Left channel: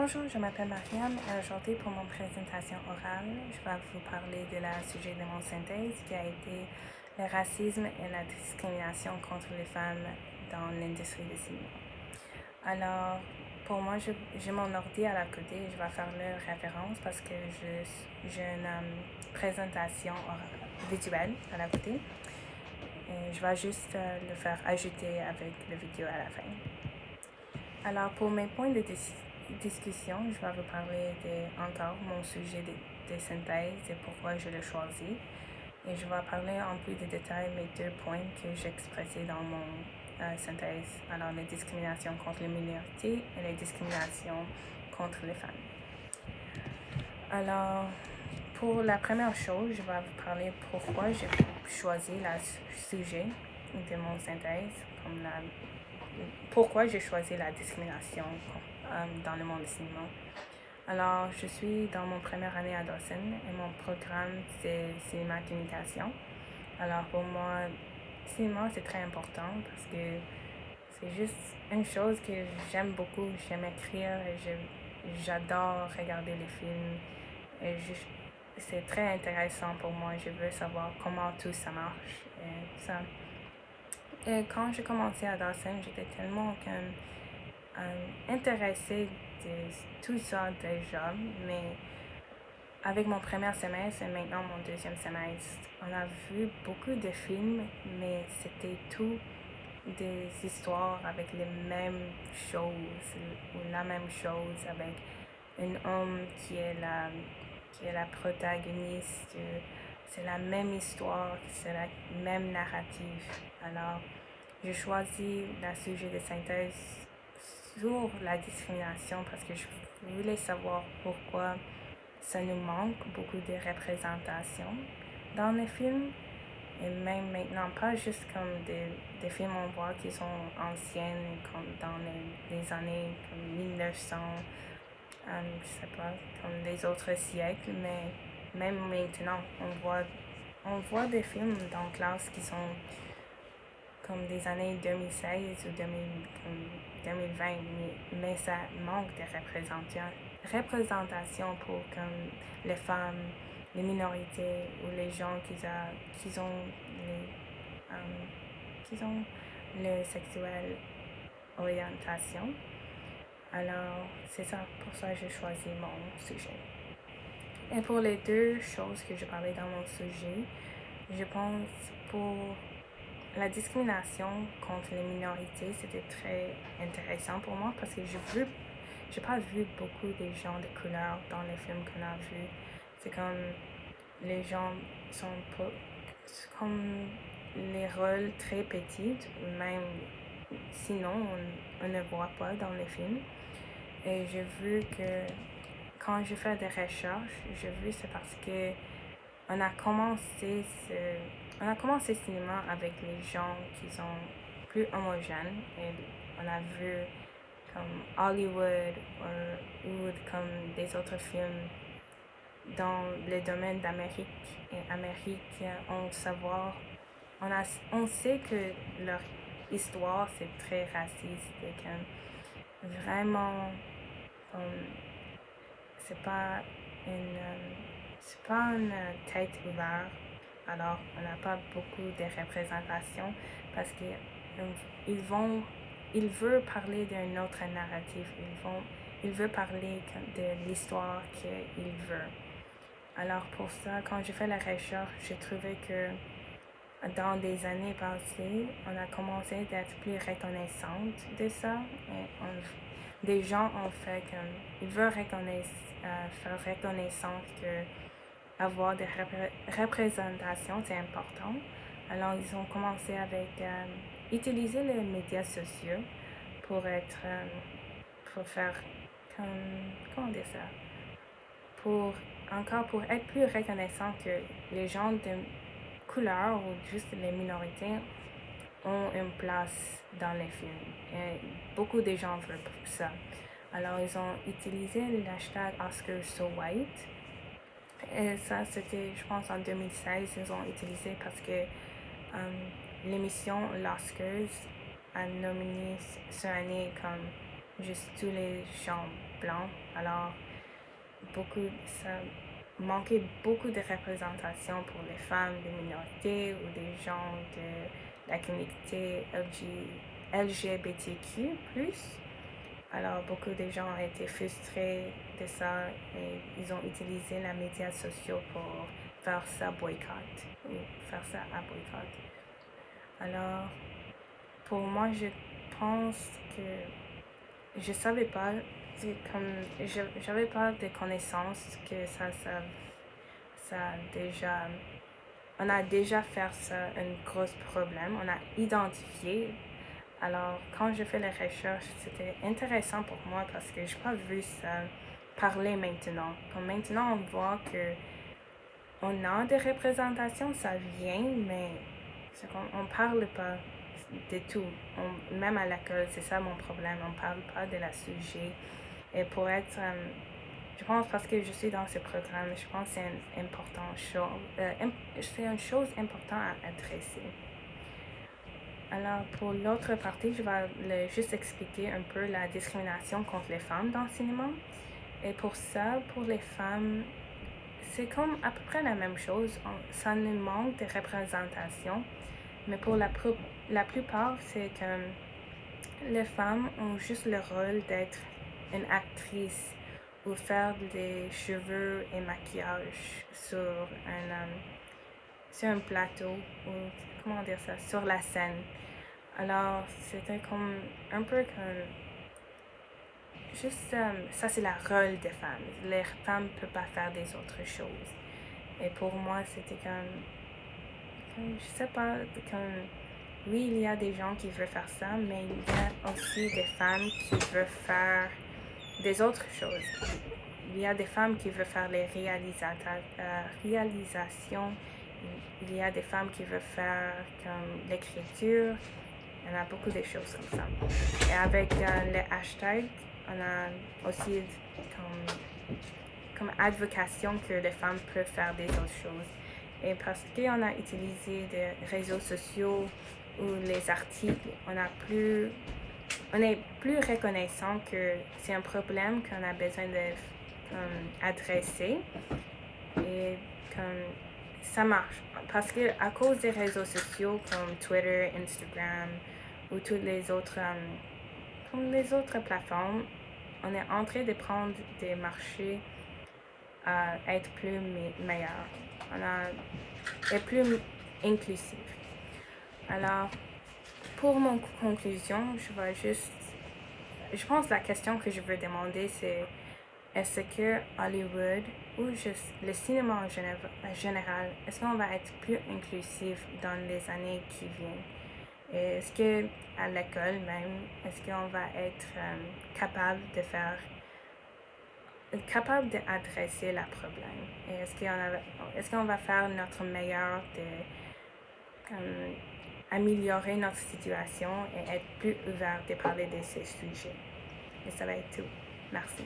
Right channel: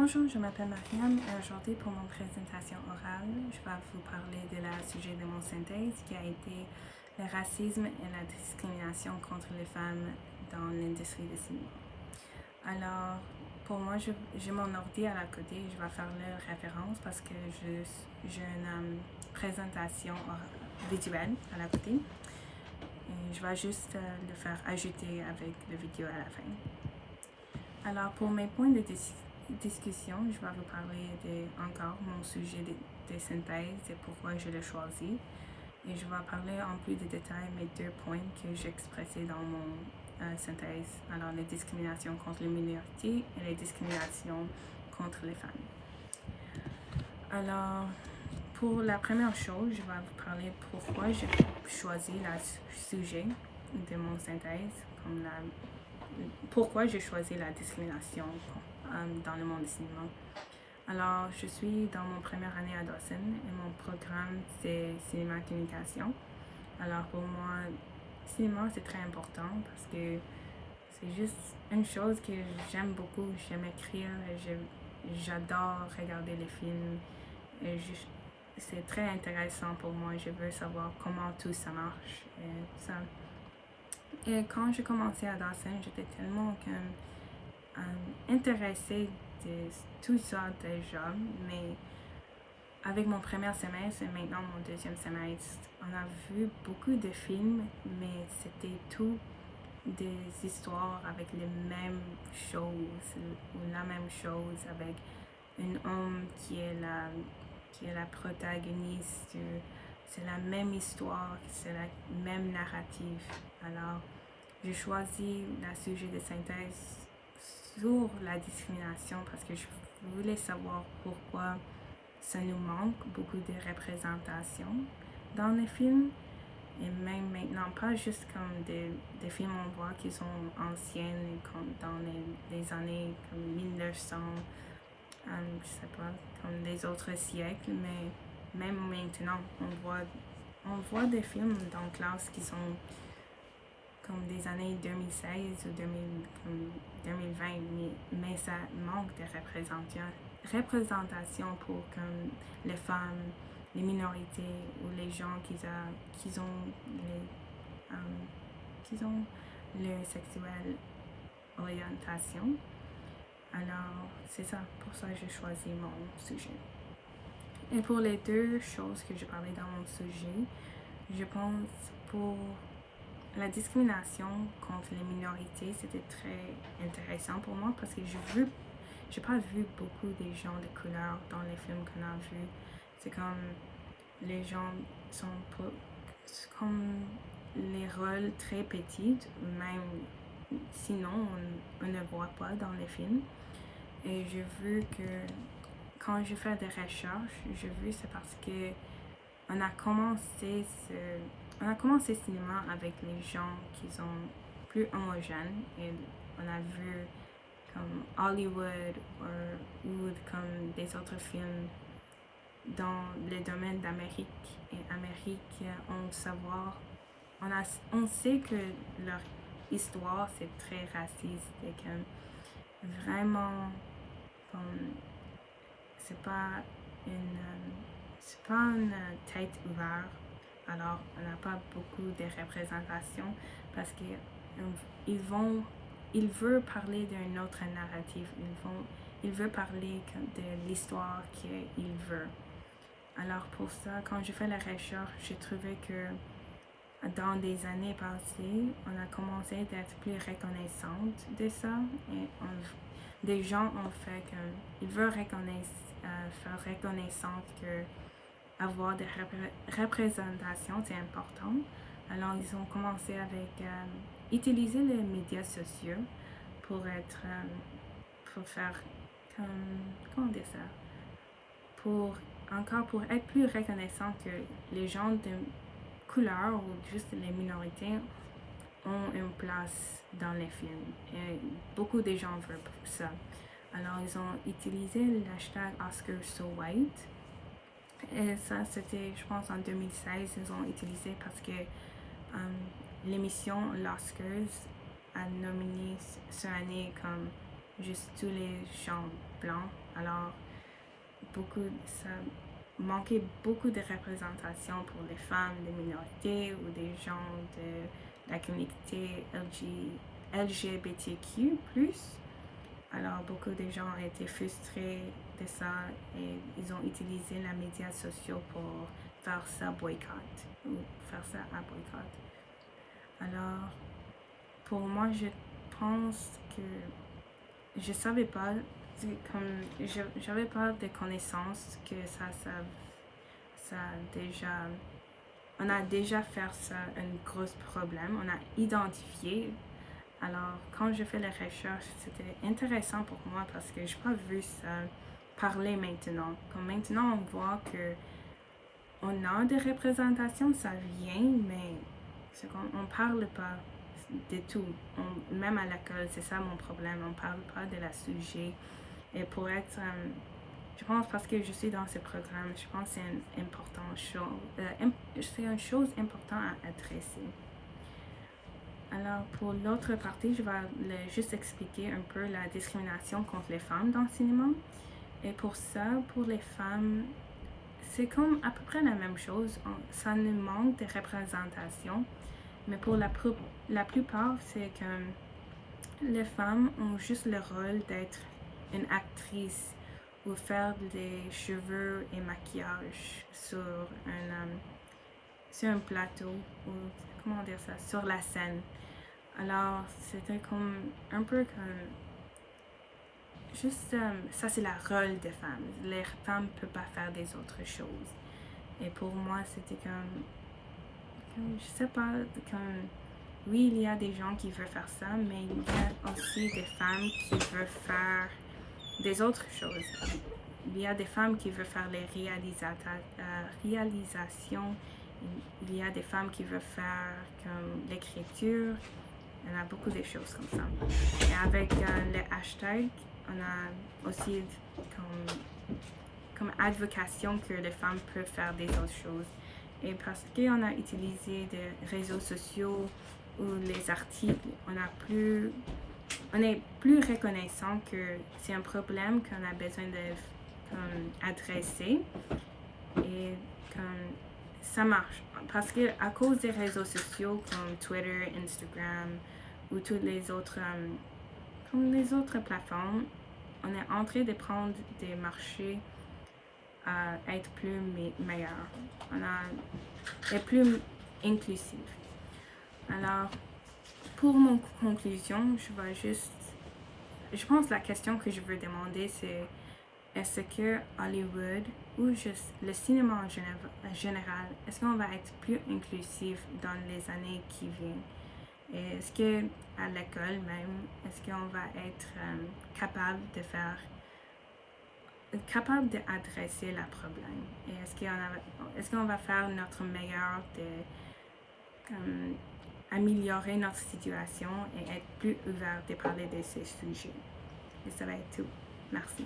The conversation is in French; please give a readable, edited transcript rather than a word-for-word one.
Bonjour, je m'appelle Mariam et aujourd'hui pour mon présentation orale, je vais vous parler de la sujet de mon synthèse qui a été le racisme et la discrimination contre les femmes dans l'industrie du cinéma. Alors, pour moi, j'ai mon ordi à la côté et je vais faire leur référence parce que j'ai une présentation visuelle à la côté. Et je vais juste le faire ajouter avec la vidéo à la fin. Alors, pour mes points de discussion, je vais vous parler encore mon sujet de synthèse et pourquoi je l'ai choisi. Et je vais parler en plus de détails mes deux points que j'ai expressés dans mon synthèse. Alors, les discriminations contre les minorités et les discriminations contre les femmes. Alors, pour la première chose, je vais vous parler pourquoi j'ai choisi le sujet de mon synthèse, pourquoi j'ai choisi la discrimination dans le monde du cinéma. Alors, je suis dans mon première année à Dawson et mon programme c'est cinéma communication. Alors, pour moi, cinéma c'est très important parce que c'est juste une chose que j'aime beaucoup. J'aime écrire et j'adore regarder les films. Et c'est très intéressant pour moi. Je veux savoir comment tout ça marche et ça. Et quand j'ai commencé à Dawson, j'étais tellement intéressée de tout ça déjà, mais avec mon premier semestre et maintenant mon deuxième semestre, on a vu beaucoup de films, mais c'était tout des histoires avec les mêmes choses ou la même chose avec un homme qui est la protagoniste. C'est la même histoire, c'est la même narrative. Alors, j'ai choisi le sujet de synthèse sur la discrimination parce que je voulais savoir pourquoi ça nous manque beaucoup de représentation dans les films. Et même maintenant, pas juste comme des films on voit qui sont anciennes, comme dans les années comme 1900, je sais pas, comme les autres siècles, mais même maintenant, on voit des films dans classe qui sont comme des années 2016 ou 2020, mais ça manque de représentation pour comme les femmes, les minorités ou les gens qui ont le sexuel orientation. Alors, c'est ça, pour ça que j'ai choisi mon sujet. Et pour les deux choses que je parlais dans mon sujet, je pense pour la discrimination contre les minorités, c'était très intéressant pour moi parce que j'ai pas vu beaucoup de gens de couleur dans les films qu'on a vus. C'est comme les gens sont comme les rôles très petits, même sinon on ne voit pas dans les films. Et j'ai vu que quand je fais des recherches, j'ai vu c'est parce que on a commencé le cinéma avec les gens qui sont plus homogènes et on a vu comme Hollywood ou comme des autres films dans le domaine d'Amérique. Et Amérique, on sait que leur histoire c'est très raciste et que vraiment c'est pas une tête ouverte. Alors, on n'a pas beaucoup de représentation parce qu'ils veulent parler d'un autre narratif. Ils veulent parler de l'histoire qu'ils veulent. Alors, pour ça, quand j'ai fait la recherche, j'ai trouvé que dans des années passées, on a commencé d'être plus reconnaissante de ça. Et des gens ont fait ils veulent faire reconnaissance que avoir des représentations, c'est important. Alors, ils ont commencé avec utiliser les médias sociaux pour faire comment dire ça? Pour être plus reconnaissant que les gens de couleur ou juste les minorités ont une place dans les films. Et beaucoup de gens veulent ça. Alors, ils ont utilisé l'hashtag #OscarsSoWhite. Et ça, c'était, je pense, en 2016, ils ont utilisé parce que l'émission L'Oscars a nominé cette année comme juste tous les gens blancs. Alors, ça manquait beaucoup de représentation pour les femmes, les minorités ou des gens de la communauté LGBTQ+. Alors, beaucoup de gens ont été frustrés de ça et ils ont utilisé les médias sociaux pour faire ça boycott ou faire ça à boycott. Alors, pour moi, je pense que je savais pas, j'avais pas de connaissances que on a déjà fait ça un gros problème, on a identifié. Alors, quand je fais les recherches, c'était intéressant pour moi parce que je n'ai pas vu ça parler maintenant. Comme maintenant, on voit que on a des représentations, ça vient, mais on ne parle pas de tout. Même à l'école, c'est ça mon problème, on ne parle pas de la sujet. Et pour être, je pense parce que je suis dans ce programme, je pense que c'est une chose importante à adresser. Alors, pour l'autre partie, je vais juste expliquer un peu la discrimination contre les femmes dans le cinéma. Et pour ça, pour les femmes, c'est comme à peu près la même chose. Ça nous manque de représentation. Mais pour la plupart, c'est que les femmes ont juste le rôle d'être une actrice ou faire des cheveux et maquillage sur un plateau ou comment dire ça, sur la scène. Alors, c'était comme un peu comme juste ça, c'est le rôle des femmes. Les femmes ne peuvent pas faire des autres choses. Et pour moi, c'était comme je sais pas, comme oui, il y a des gens qui veulent faire ça, mais il y a aussi des femmes qui veulent faire des autres choses. Il y a des femmes qui veulent faire les réalisations. Il y a des femmes qui veulent faire comme l'écriture. Il y en a beaucoup de choses comme ça. Et avec les hashtags, on a aussi comme advocation que les femmes peuvent faire des autres choses. Et parce qu'on a utilisé des réseaux sociaux ou les articles, on est plus reconnaissant que c'est un problème qu'on a besoin d'adresser et comme ça marche. Parce que à cause des réseaux sociaux comme Twitter, Instagram ou toutes les autres, comme les autres plateformes, on est en train de prendre des marchés à être plus meilleur. Et plus inclusif. Alors, pour mon conclusion, je pense que la question que je veux demander, c'est est-ce que Hollywood ou juste le cinéma en général, est-ce qu'on va être plus inclusif dans les années qui viennent? Et est-ce que à l'école même, est-ce qu'on va être capable d'adresser le problème? Et est-ce qu'on va faire notre meilleur de améliorer notre situation et être plus ouvert de parler de ces sujets? Et ça va être tout. Merci.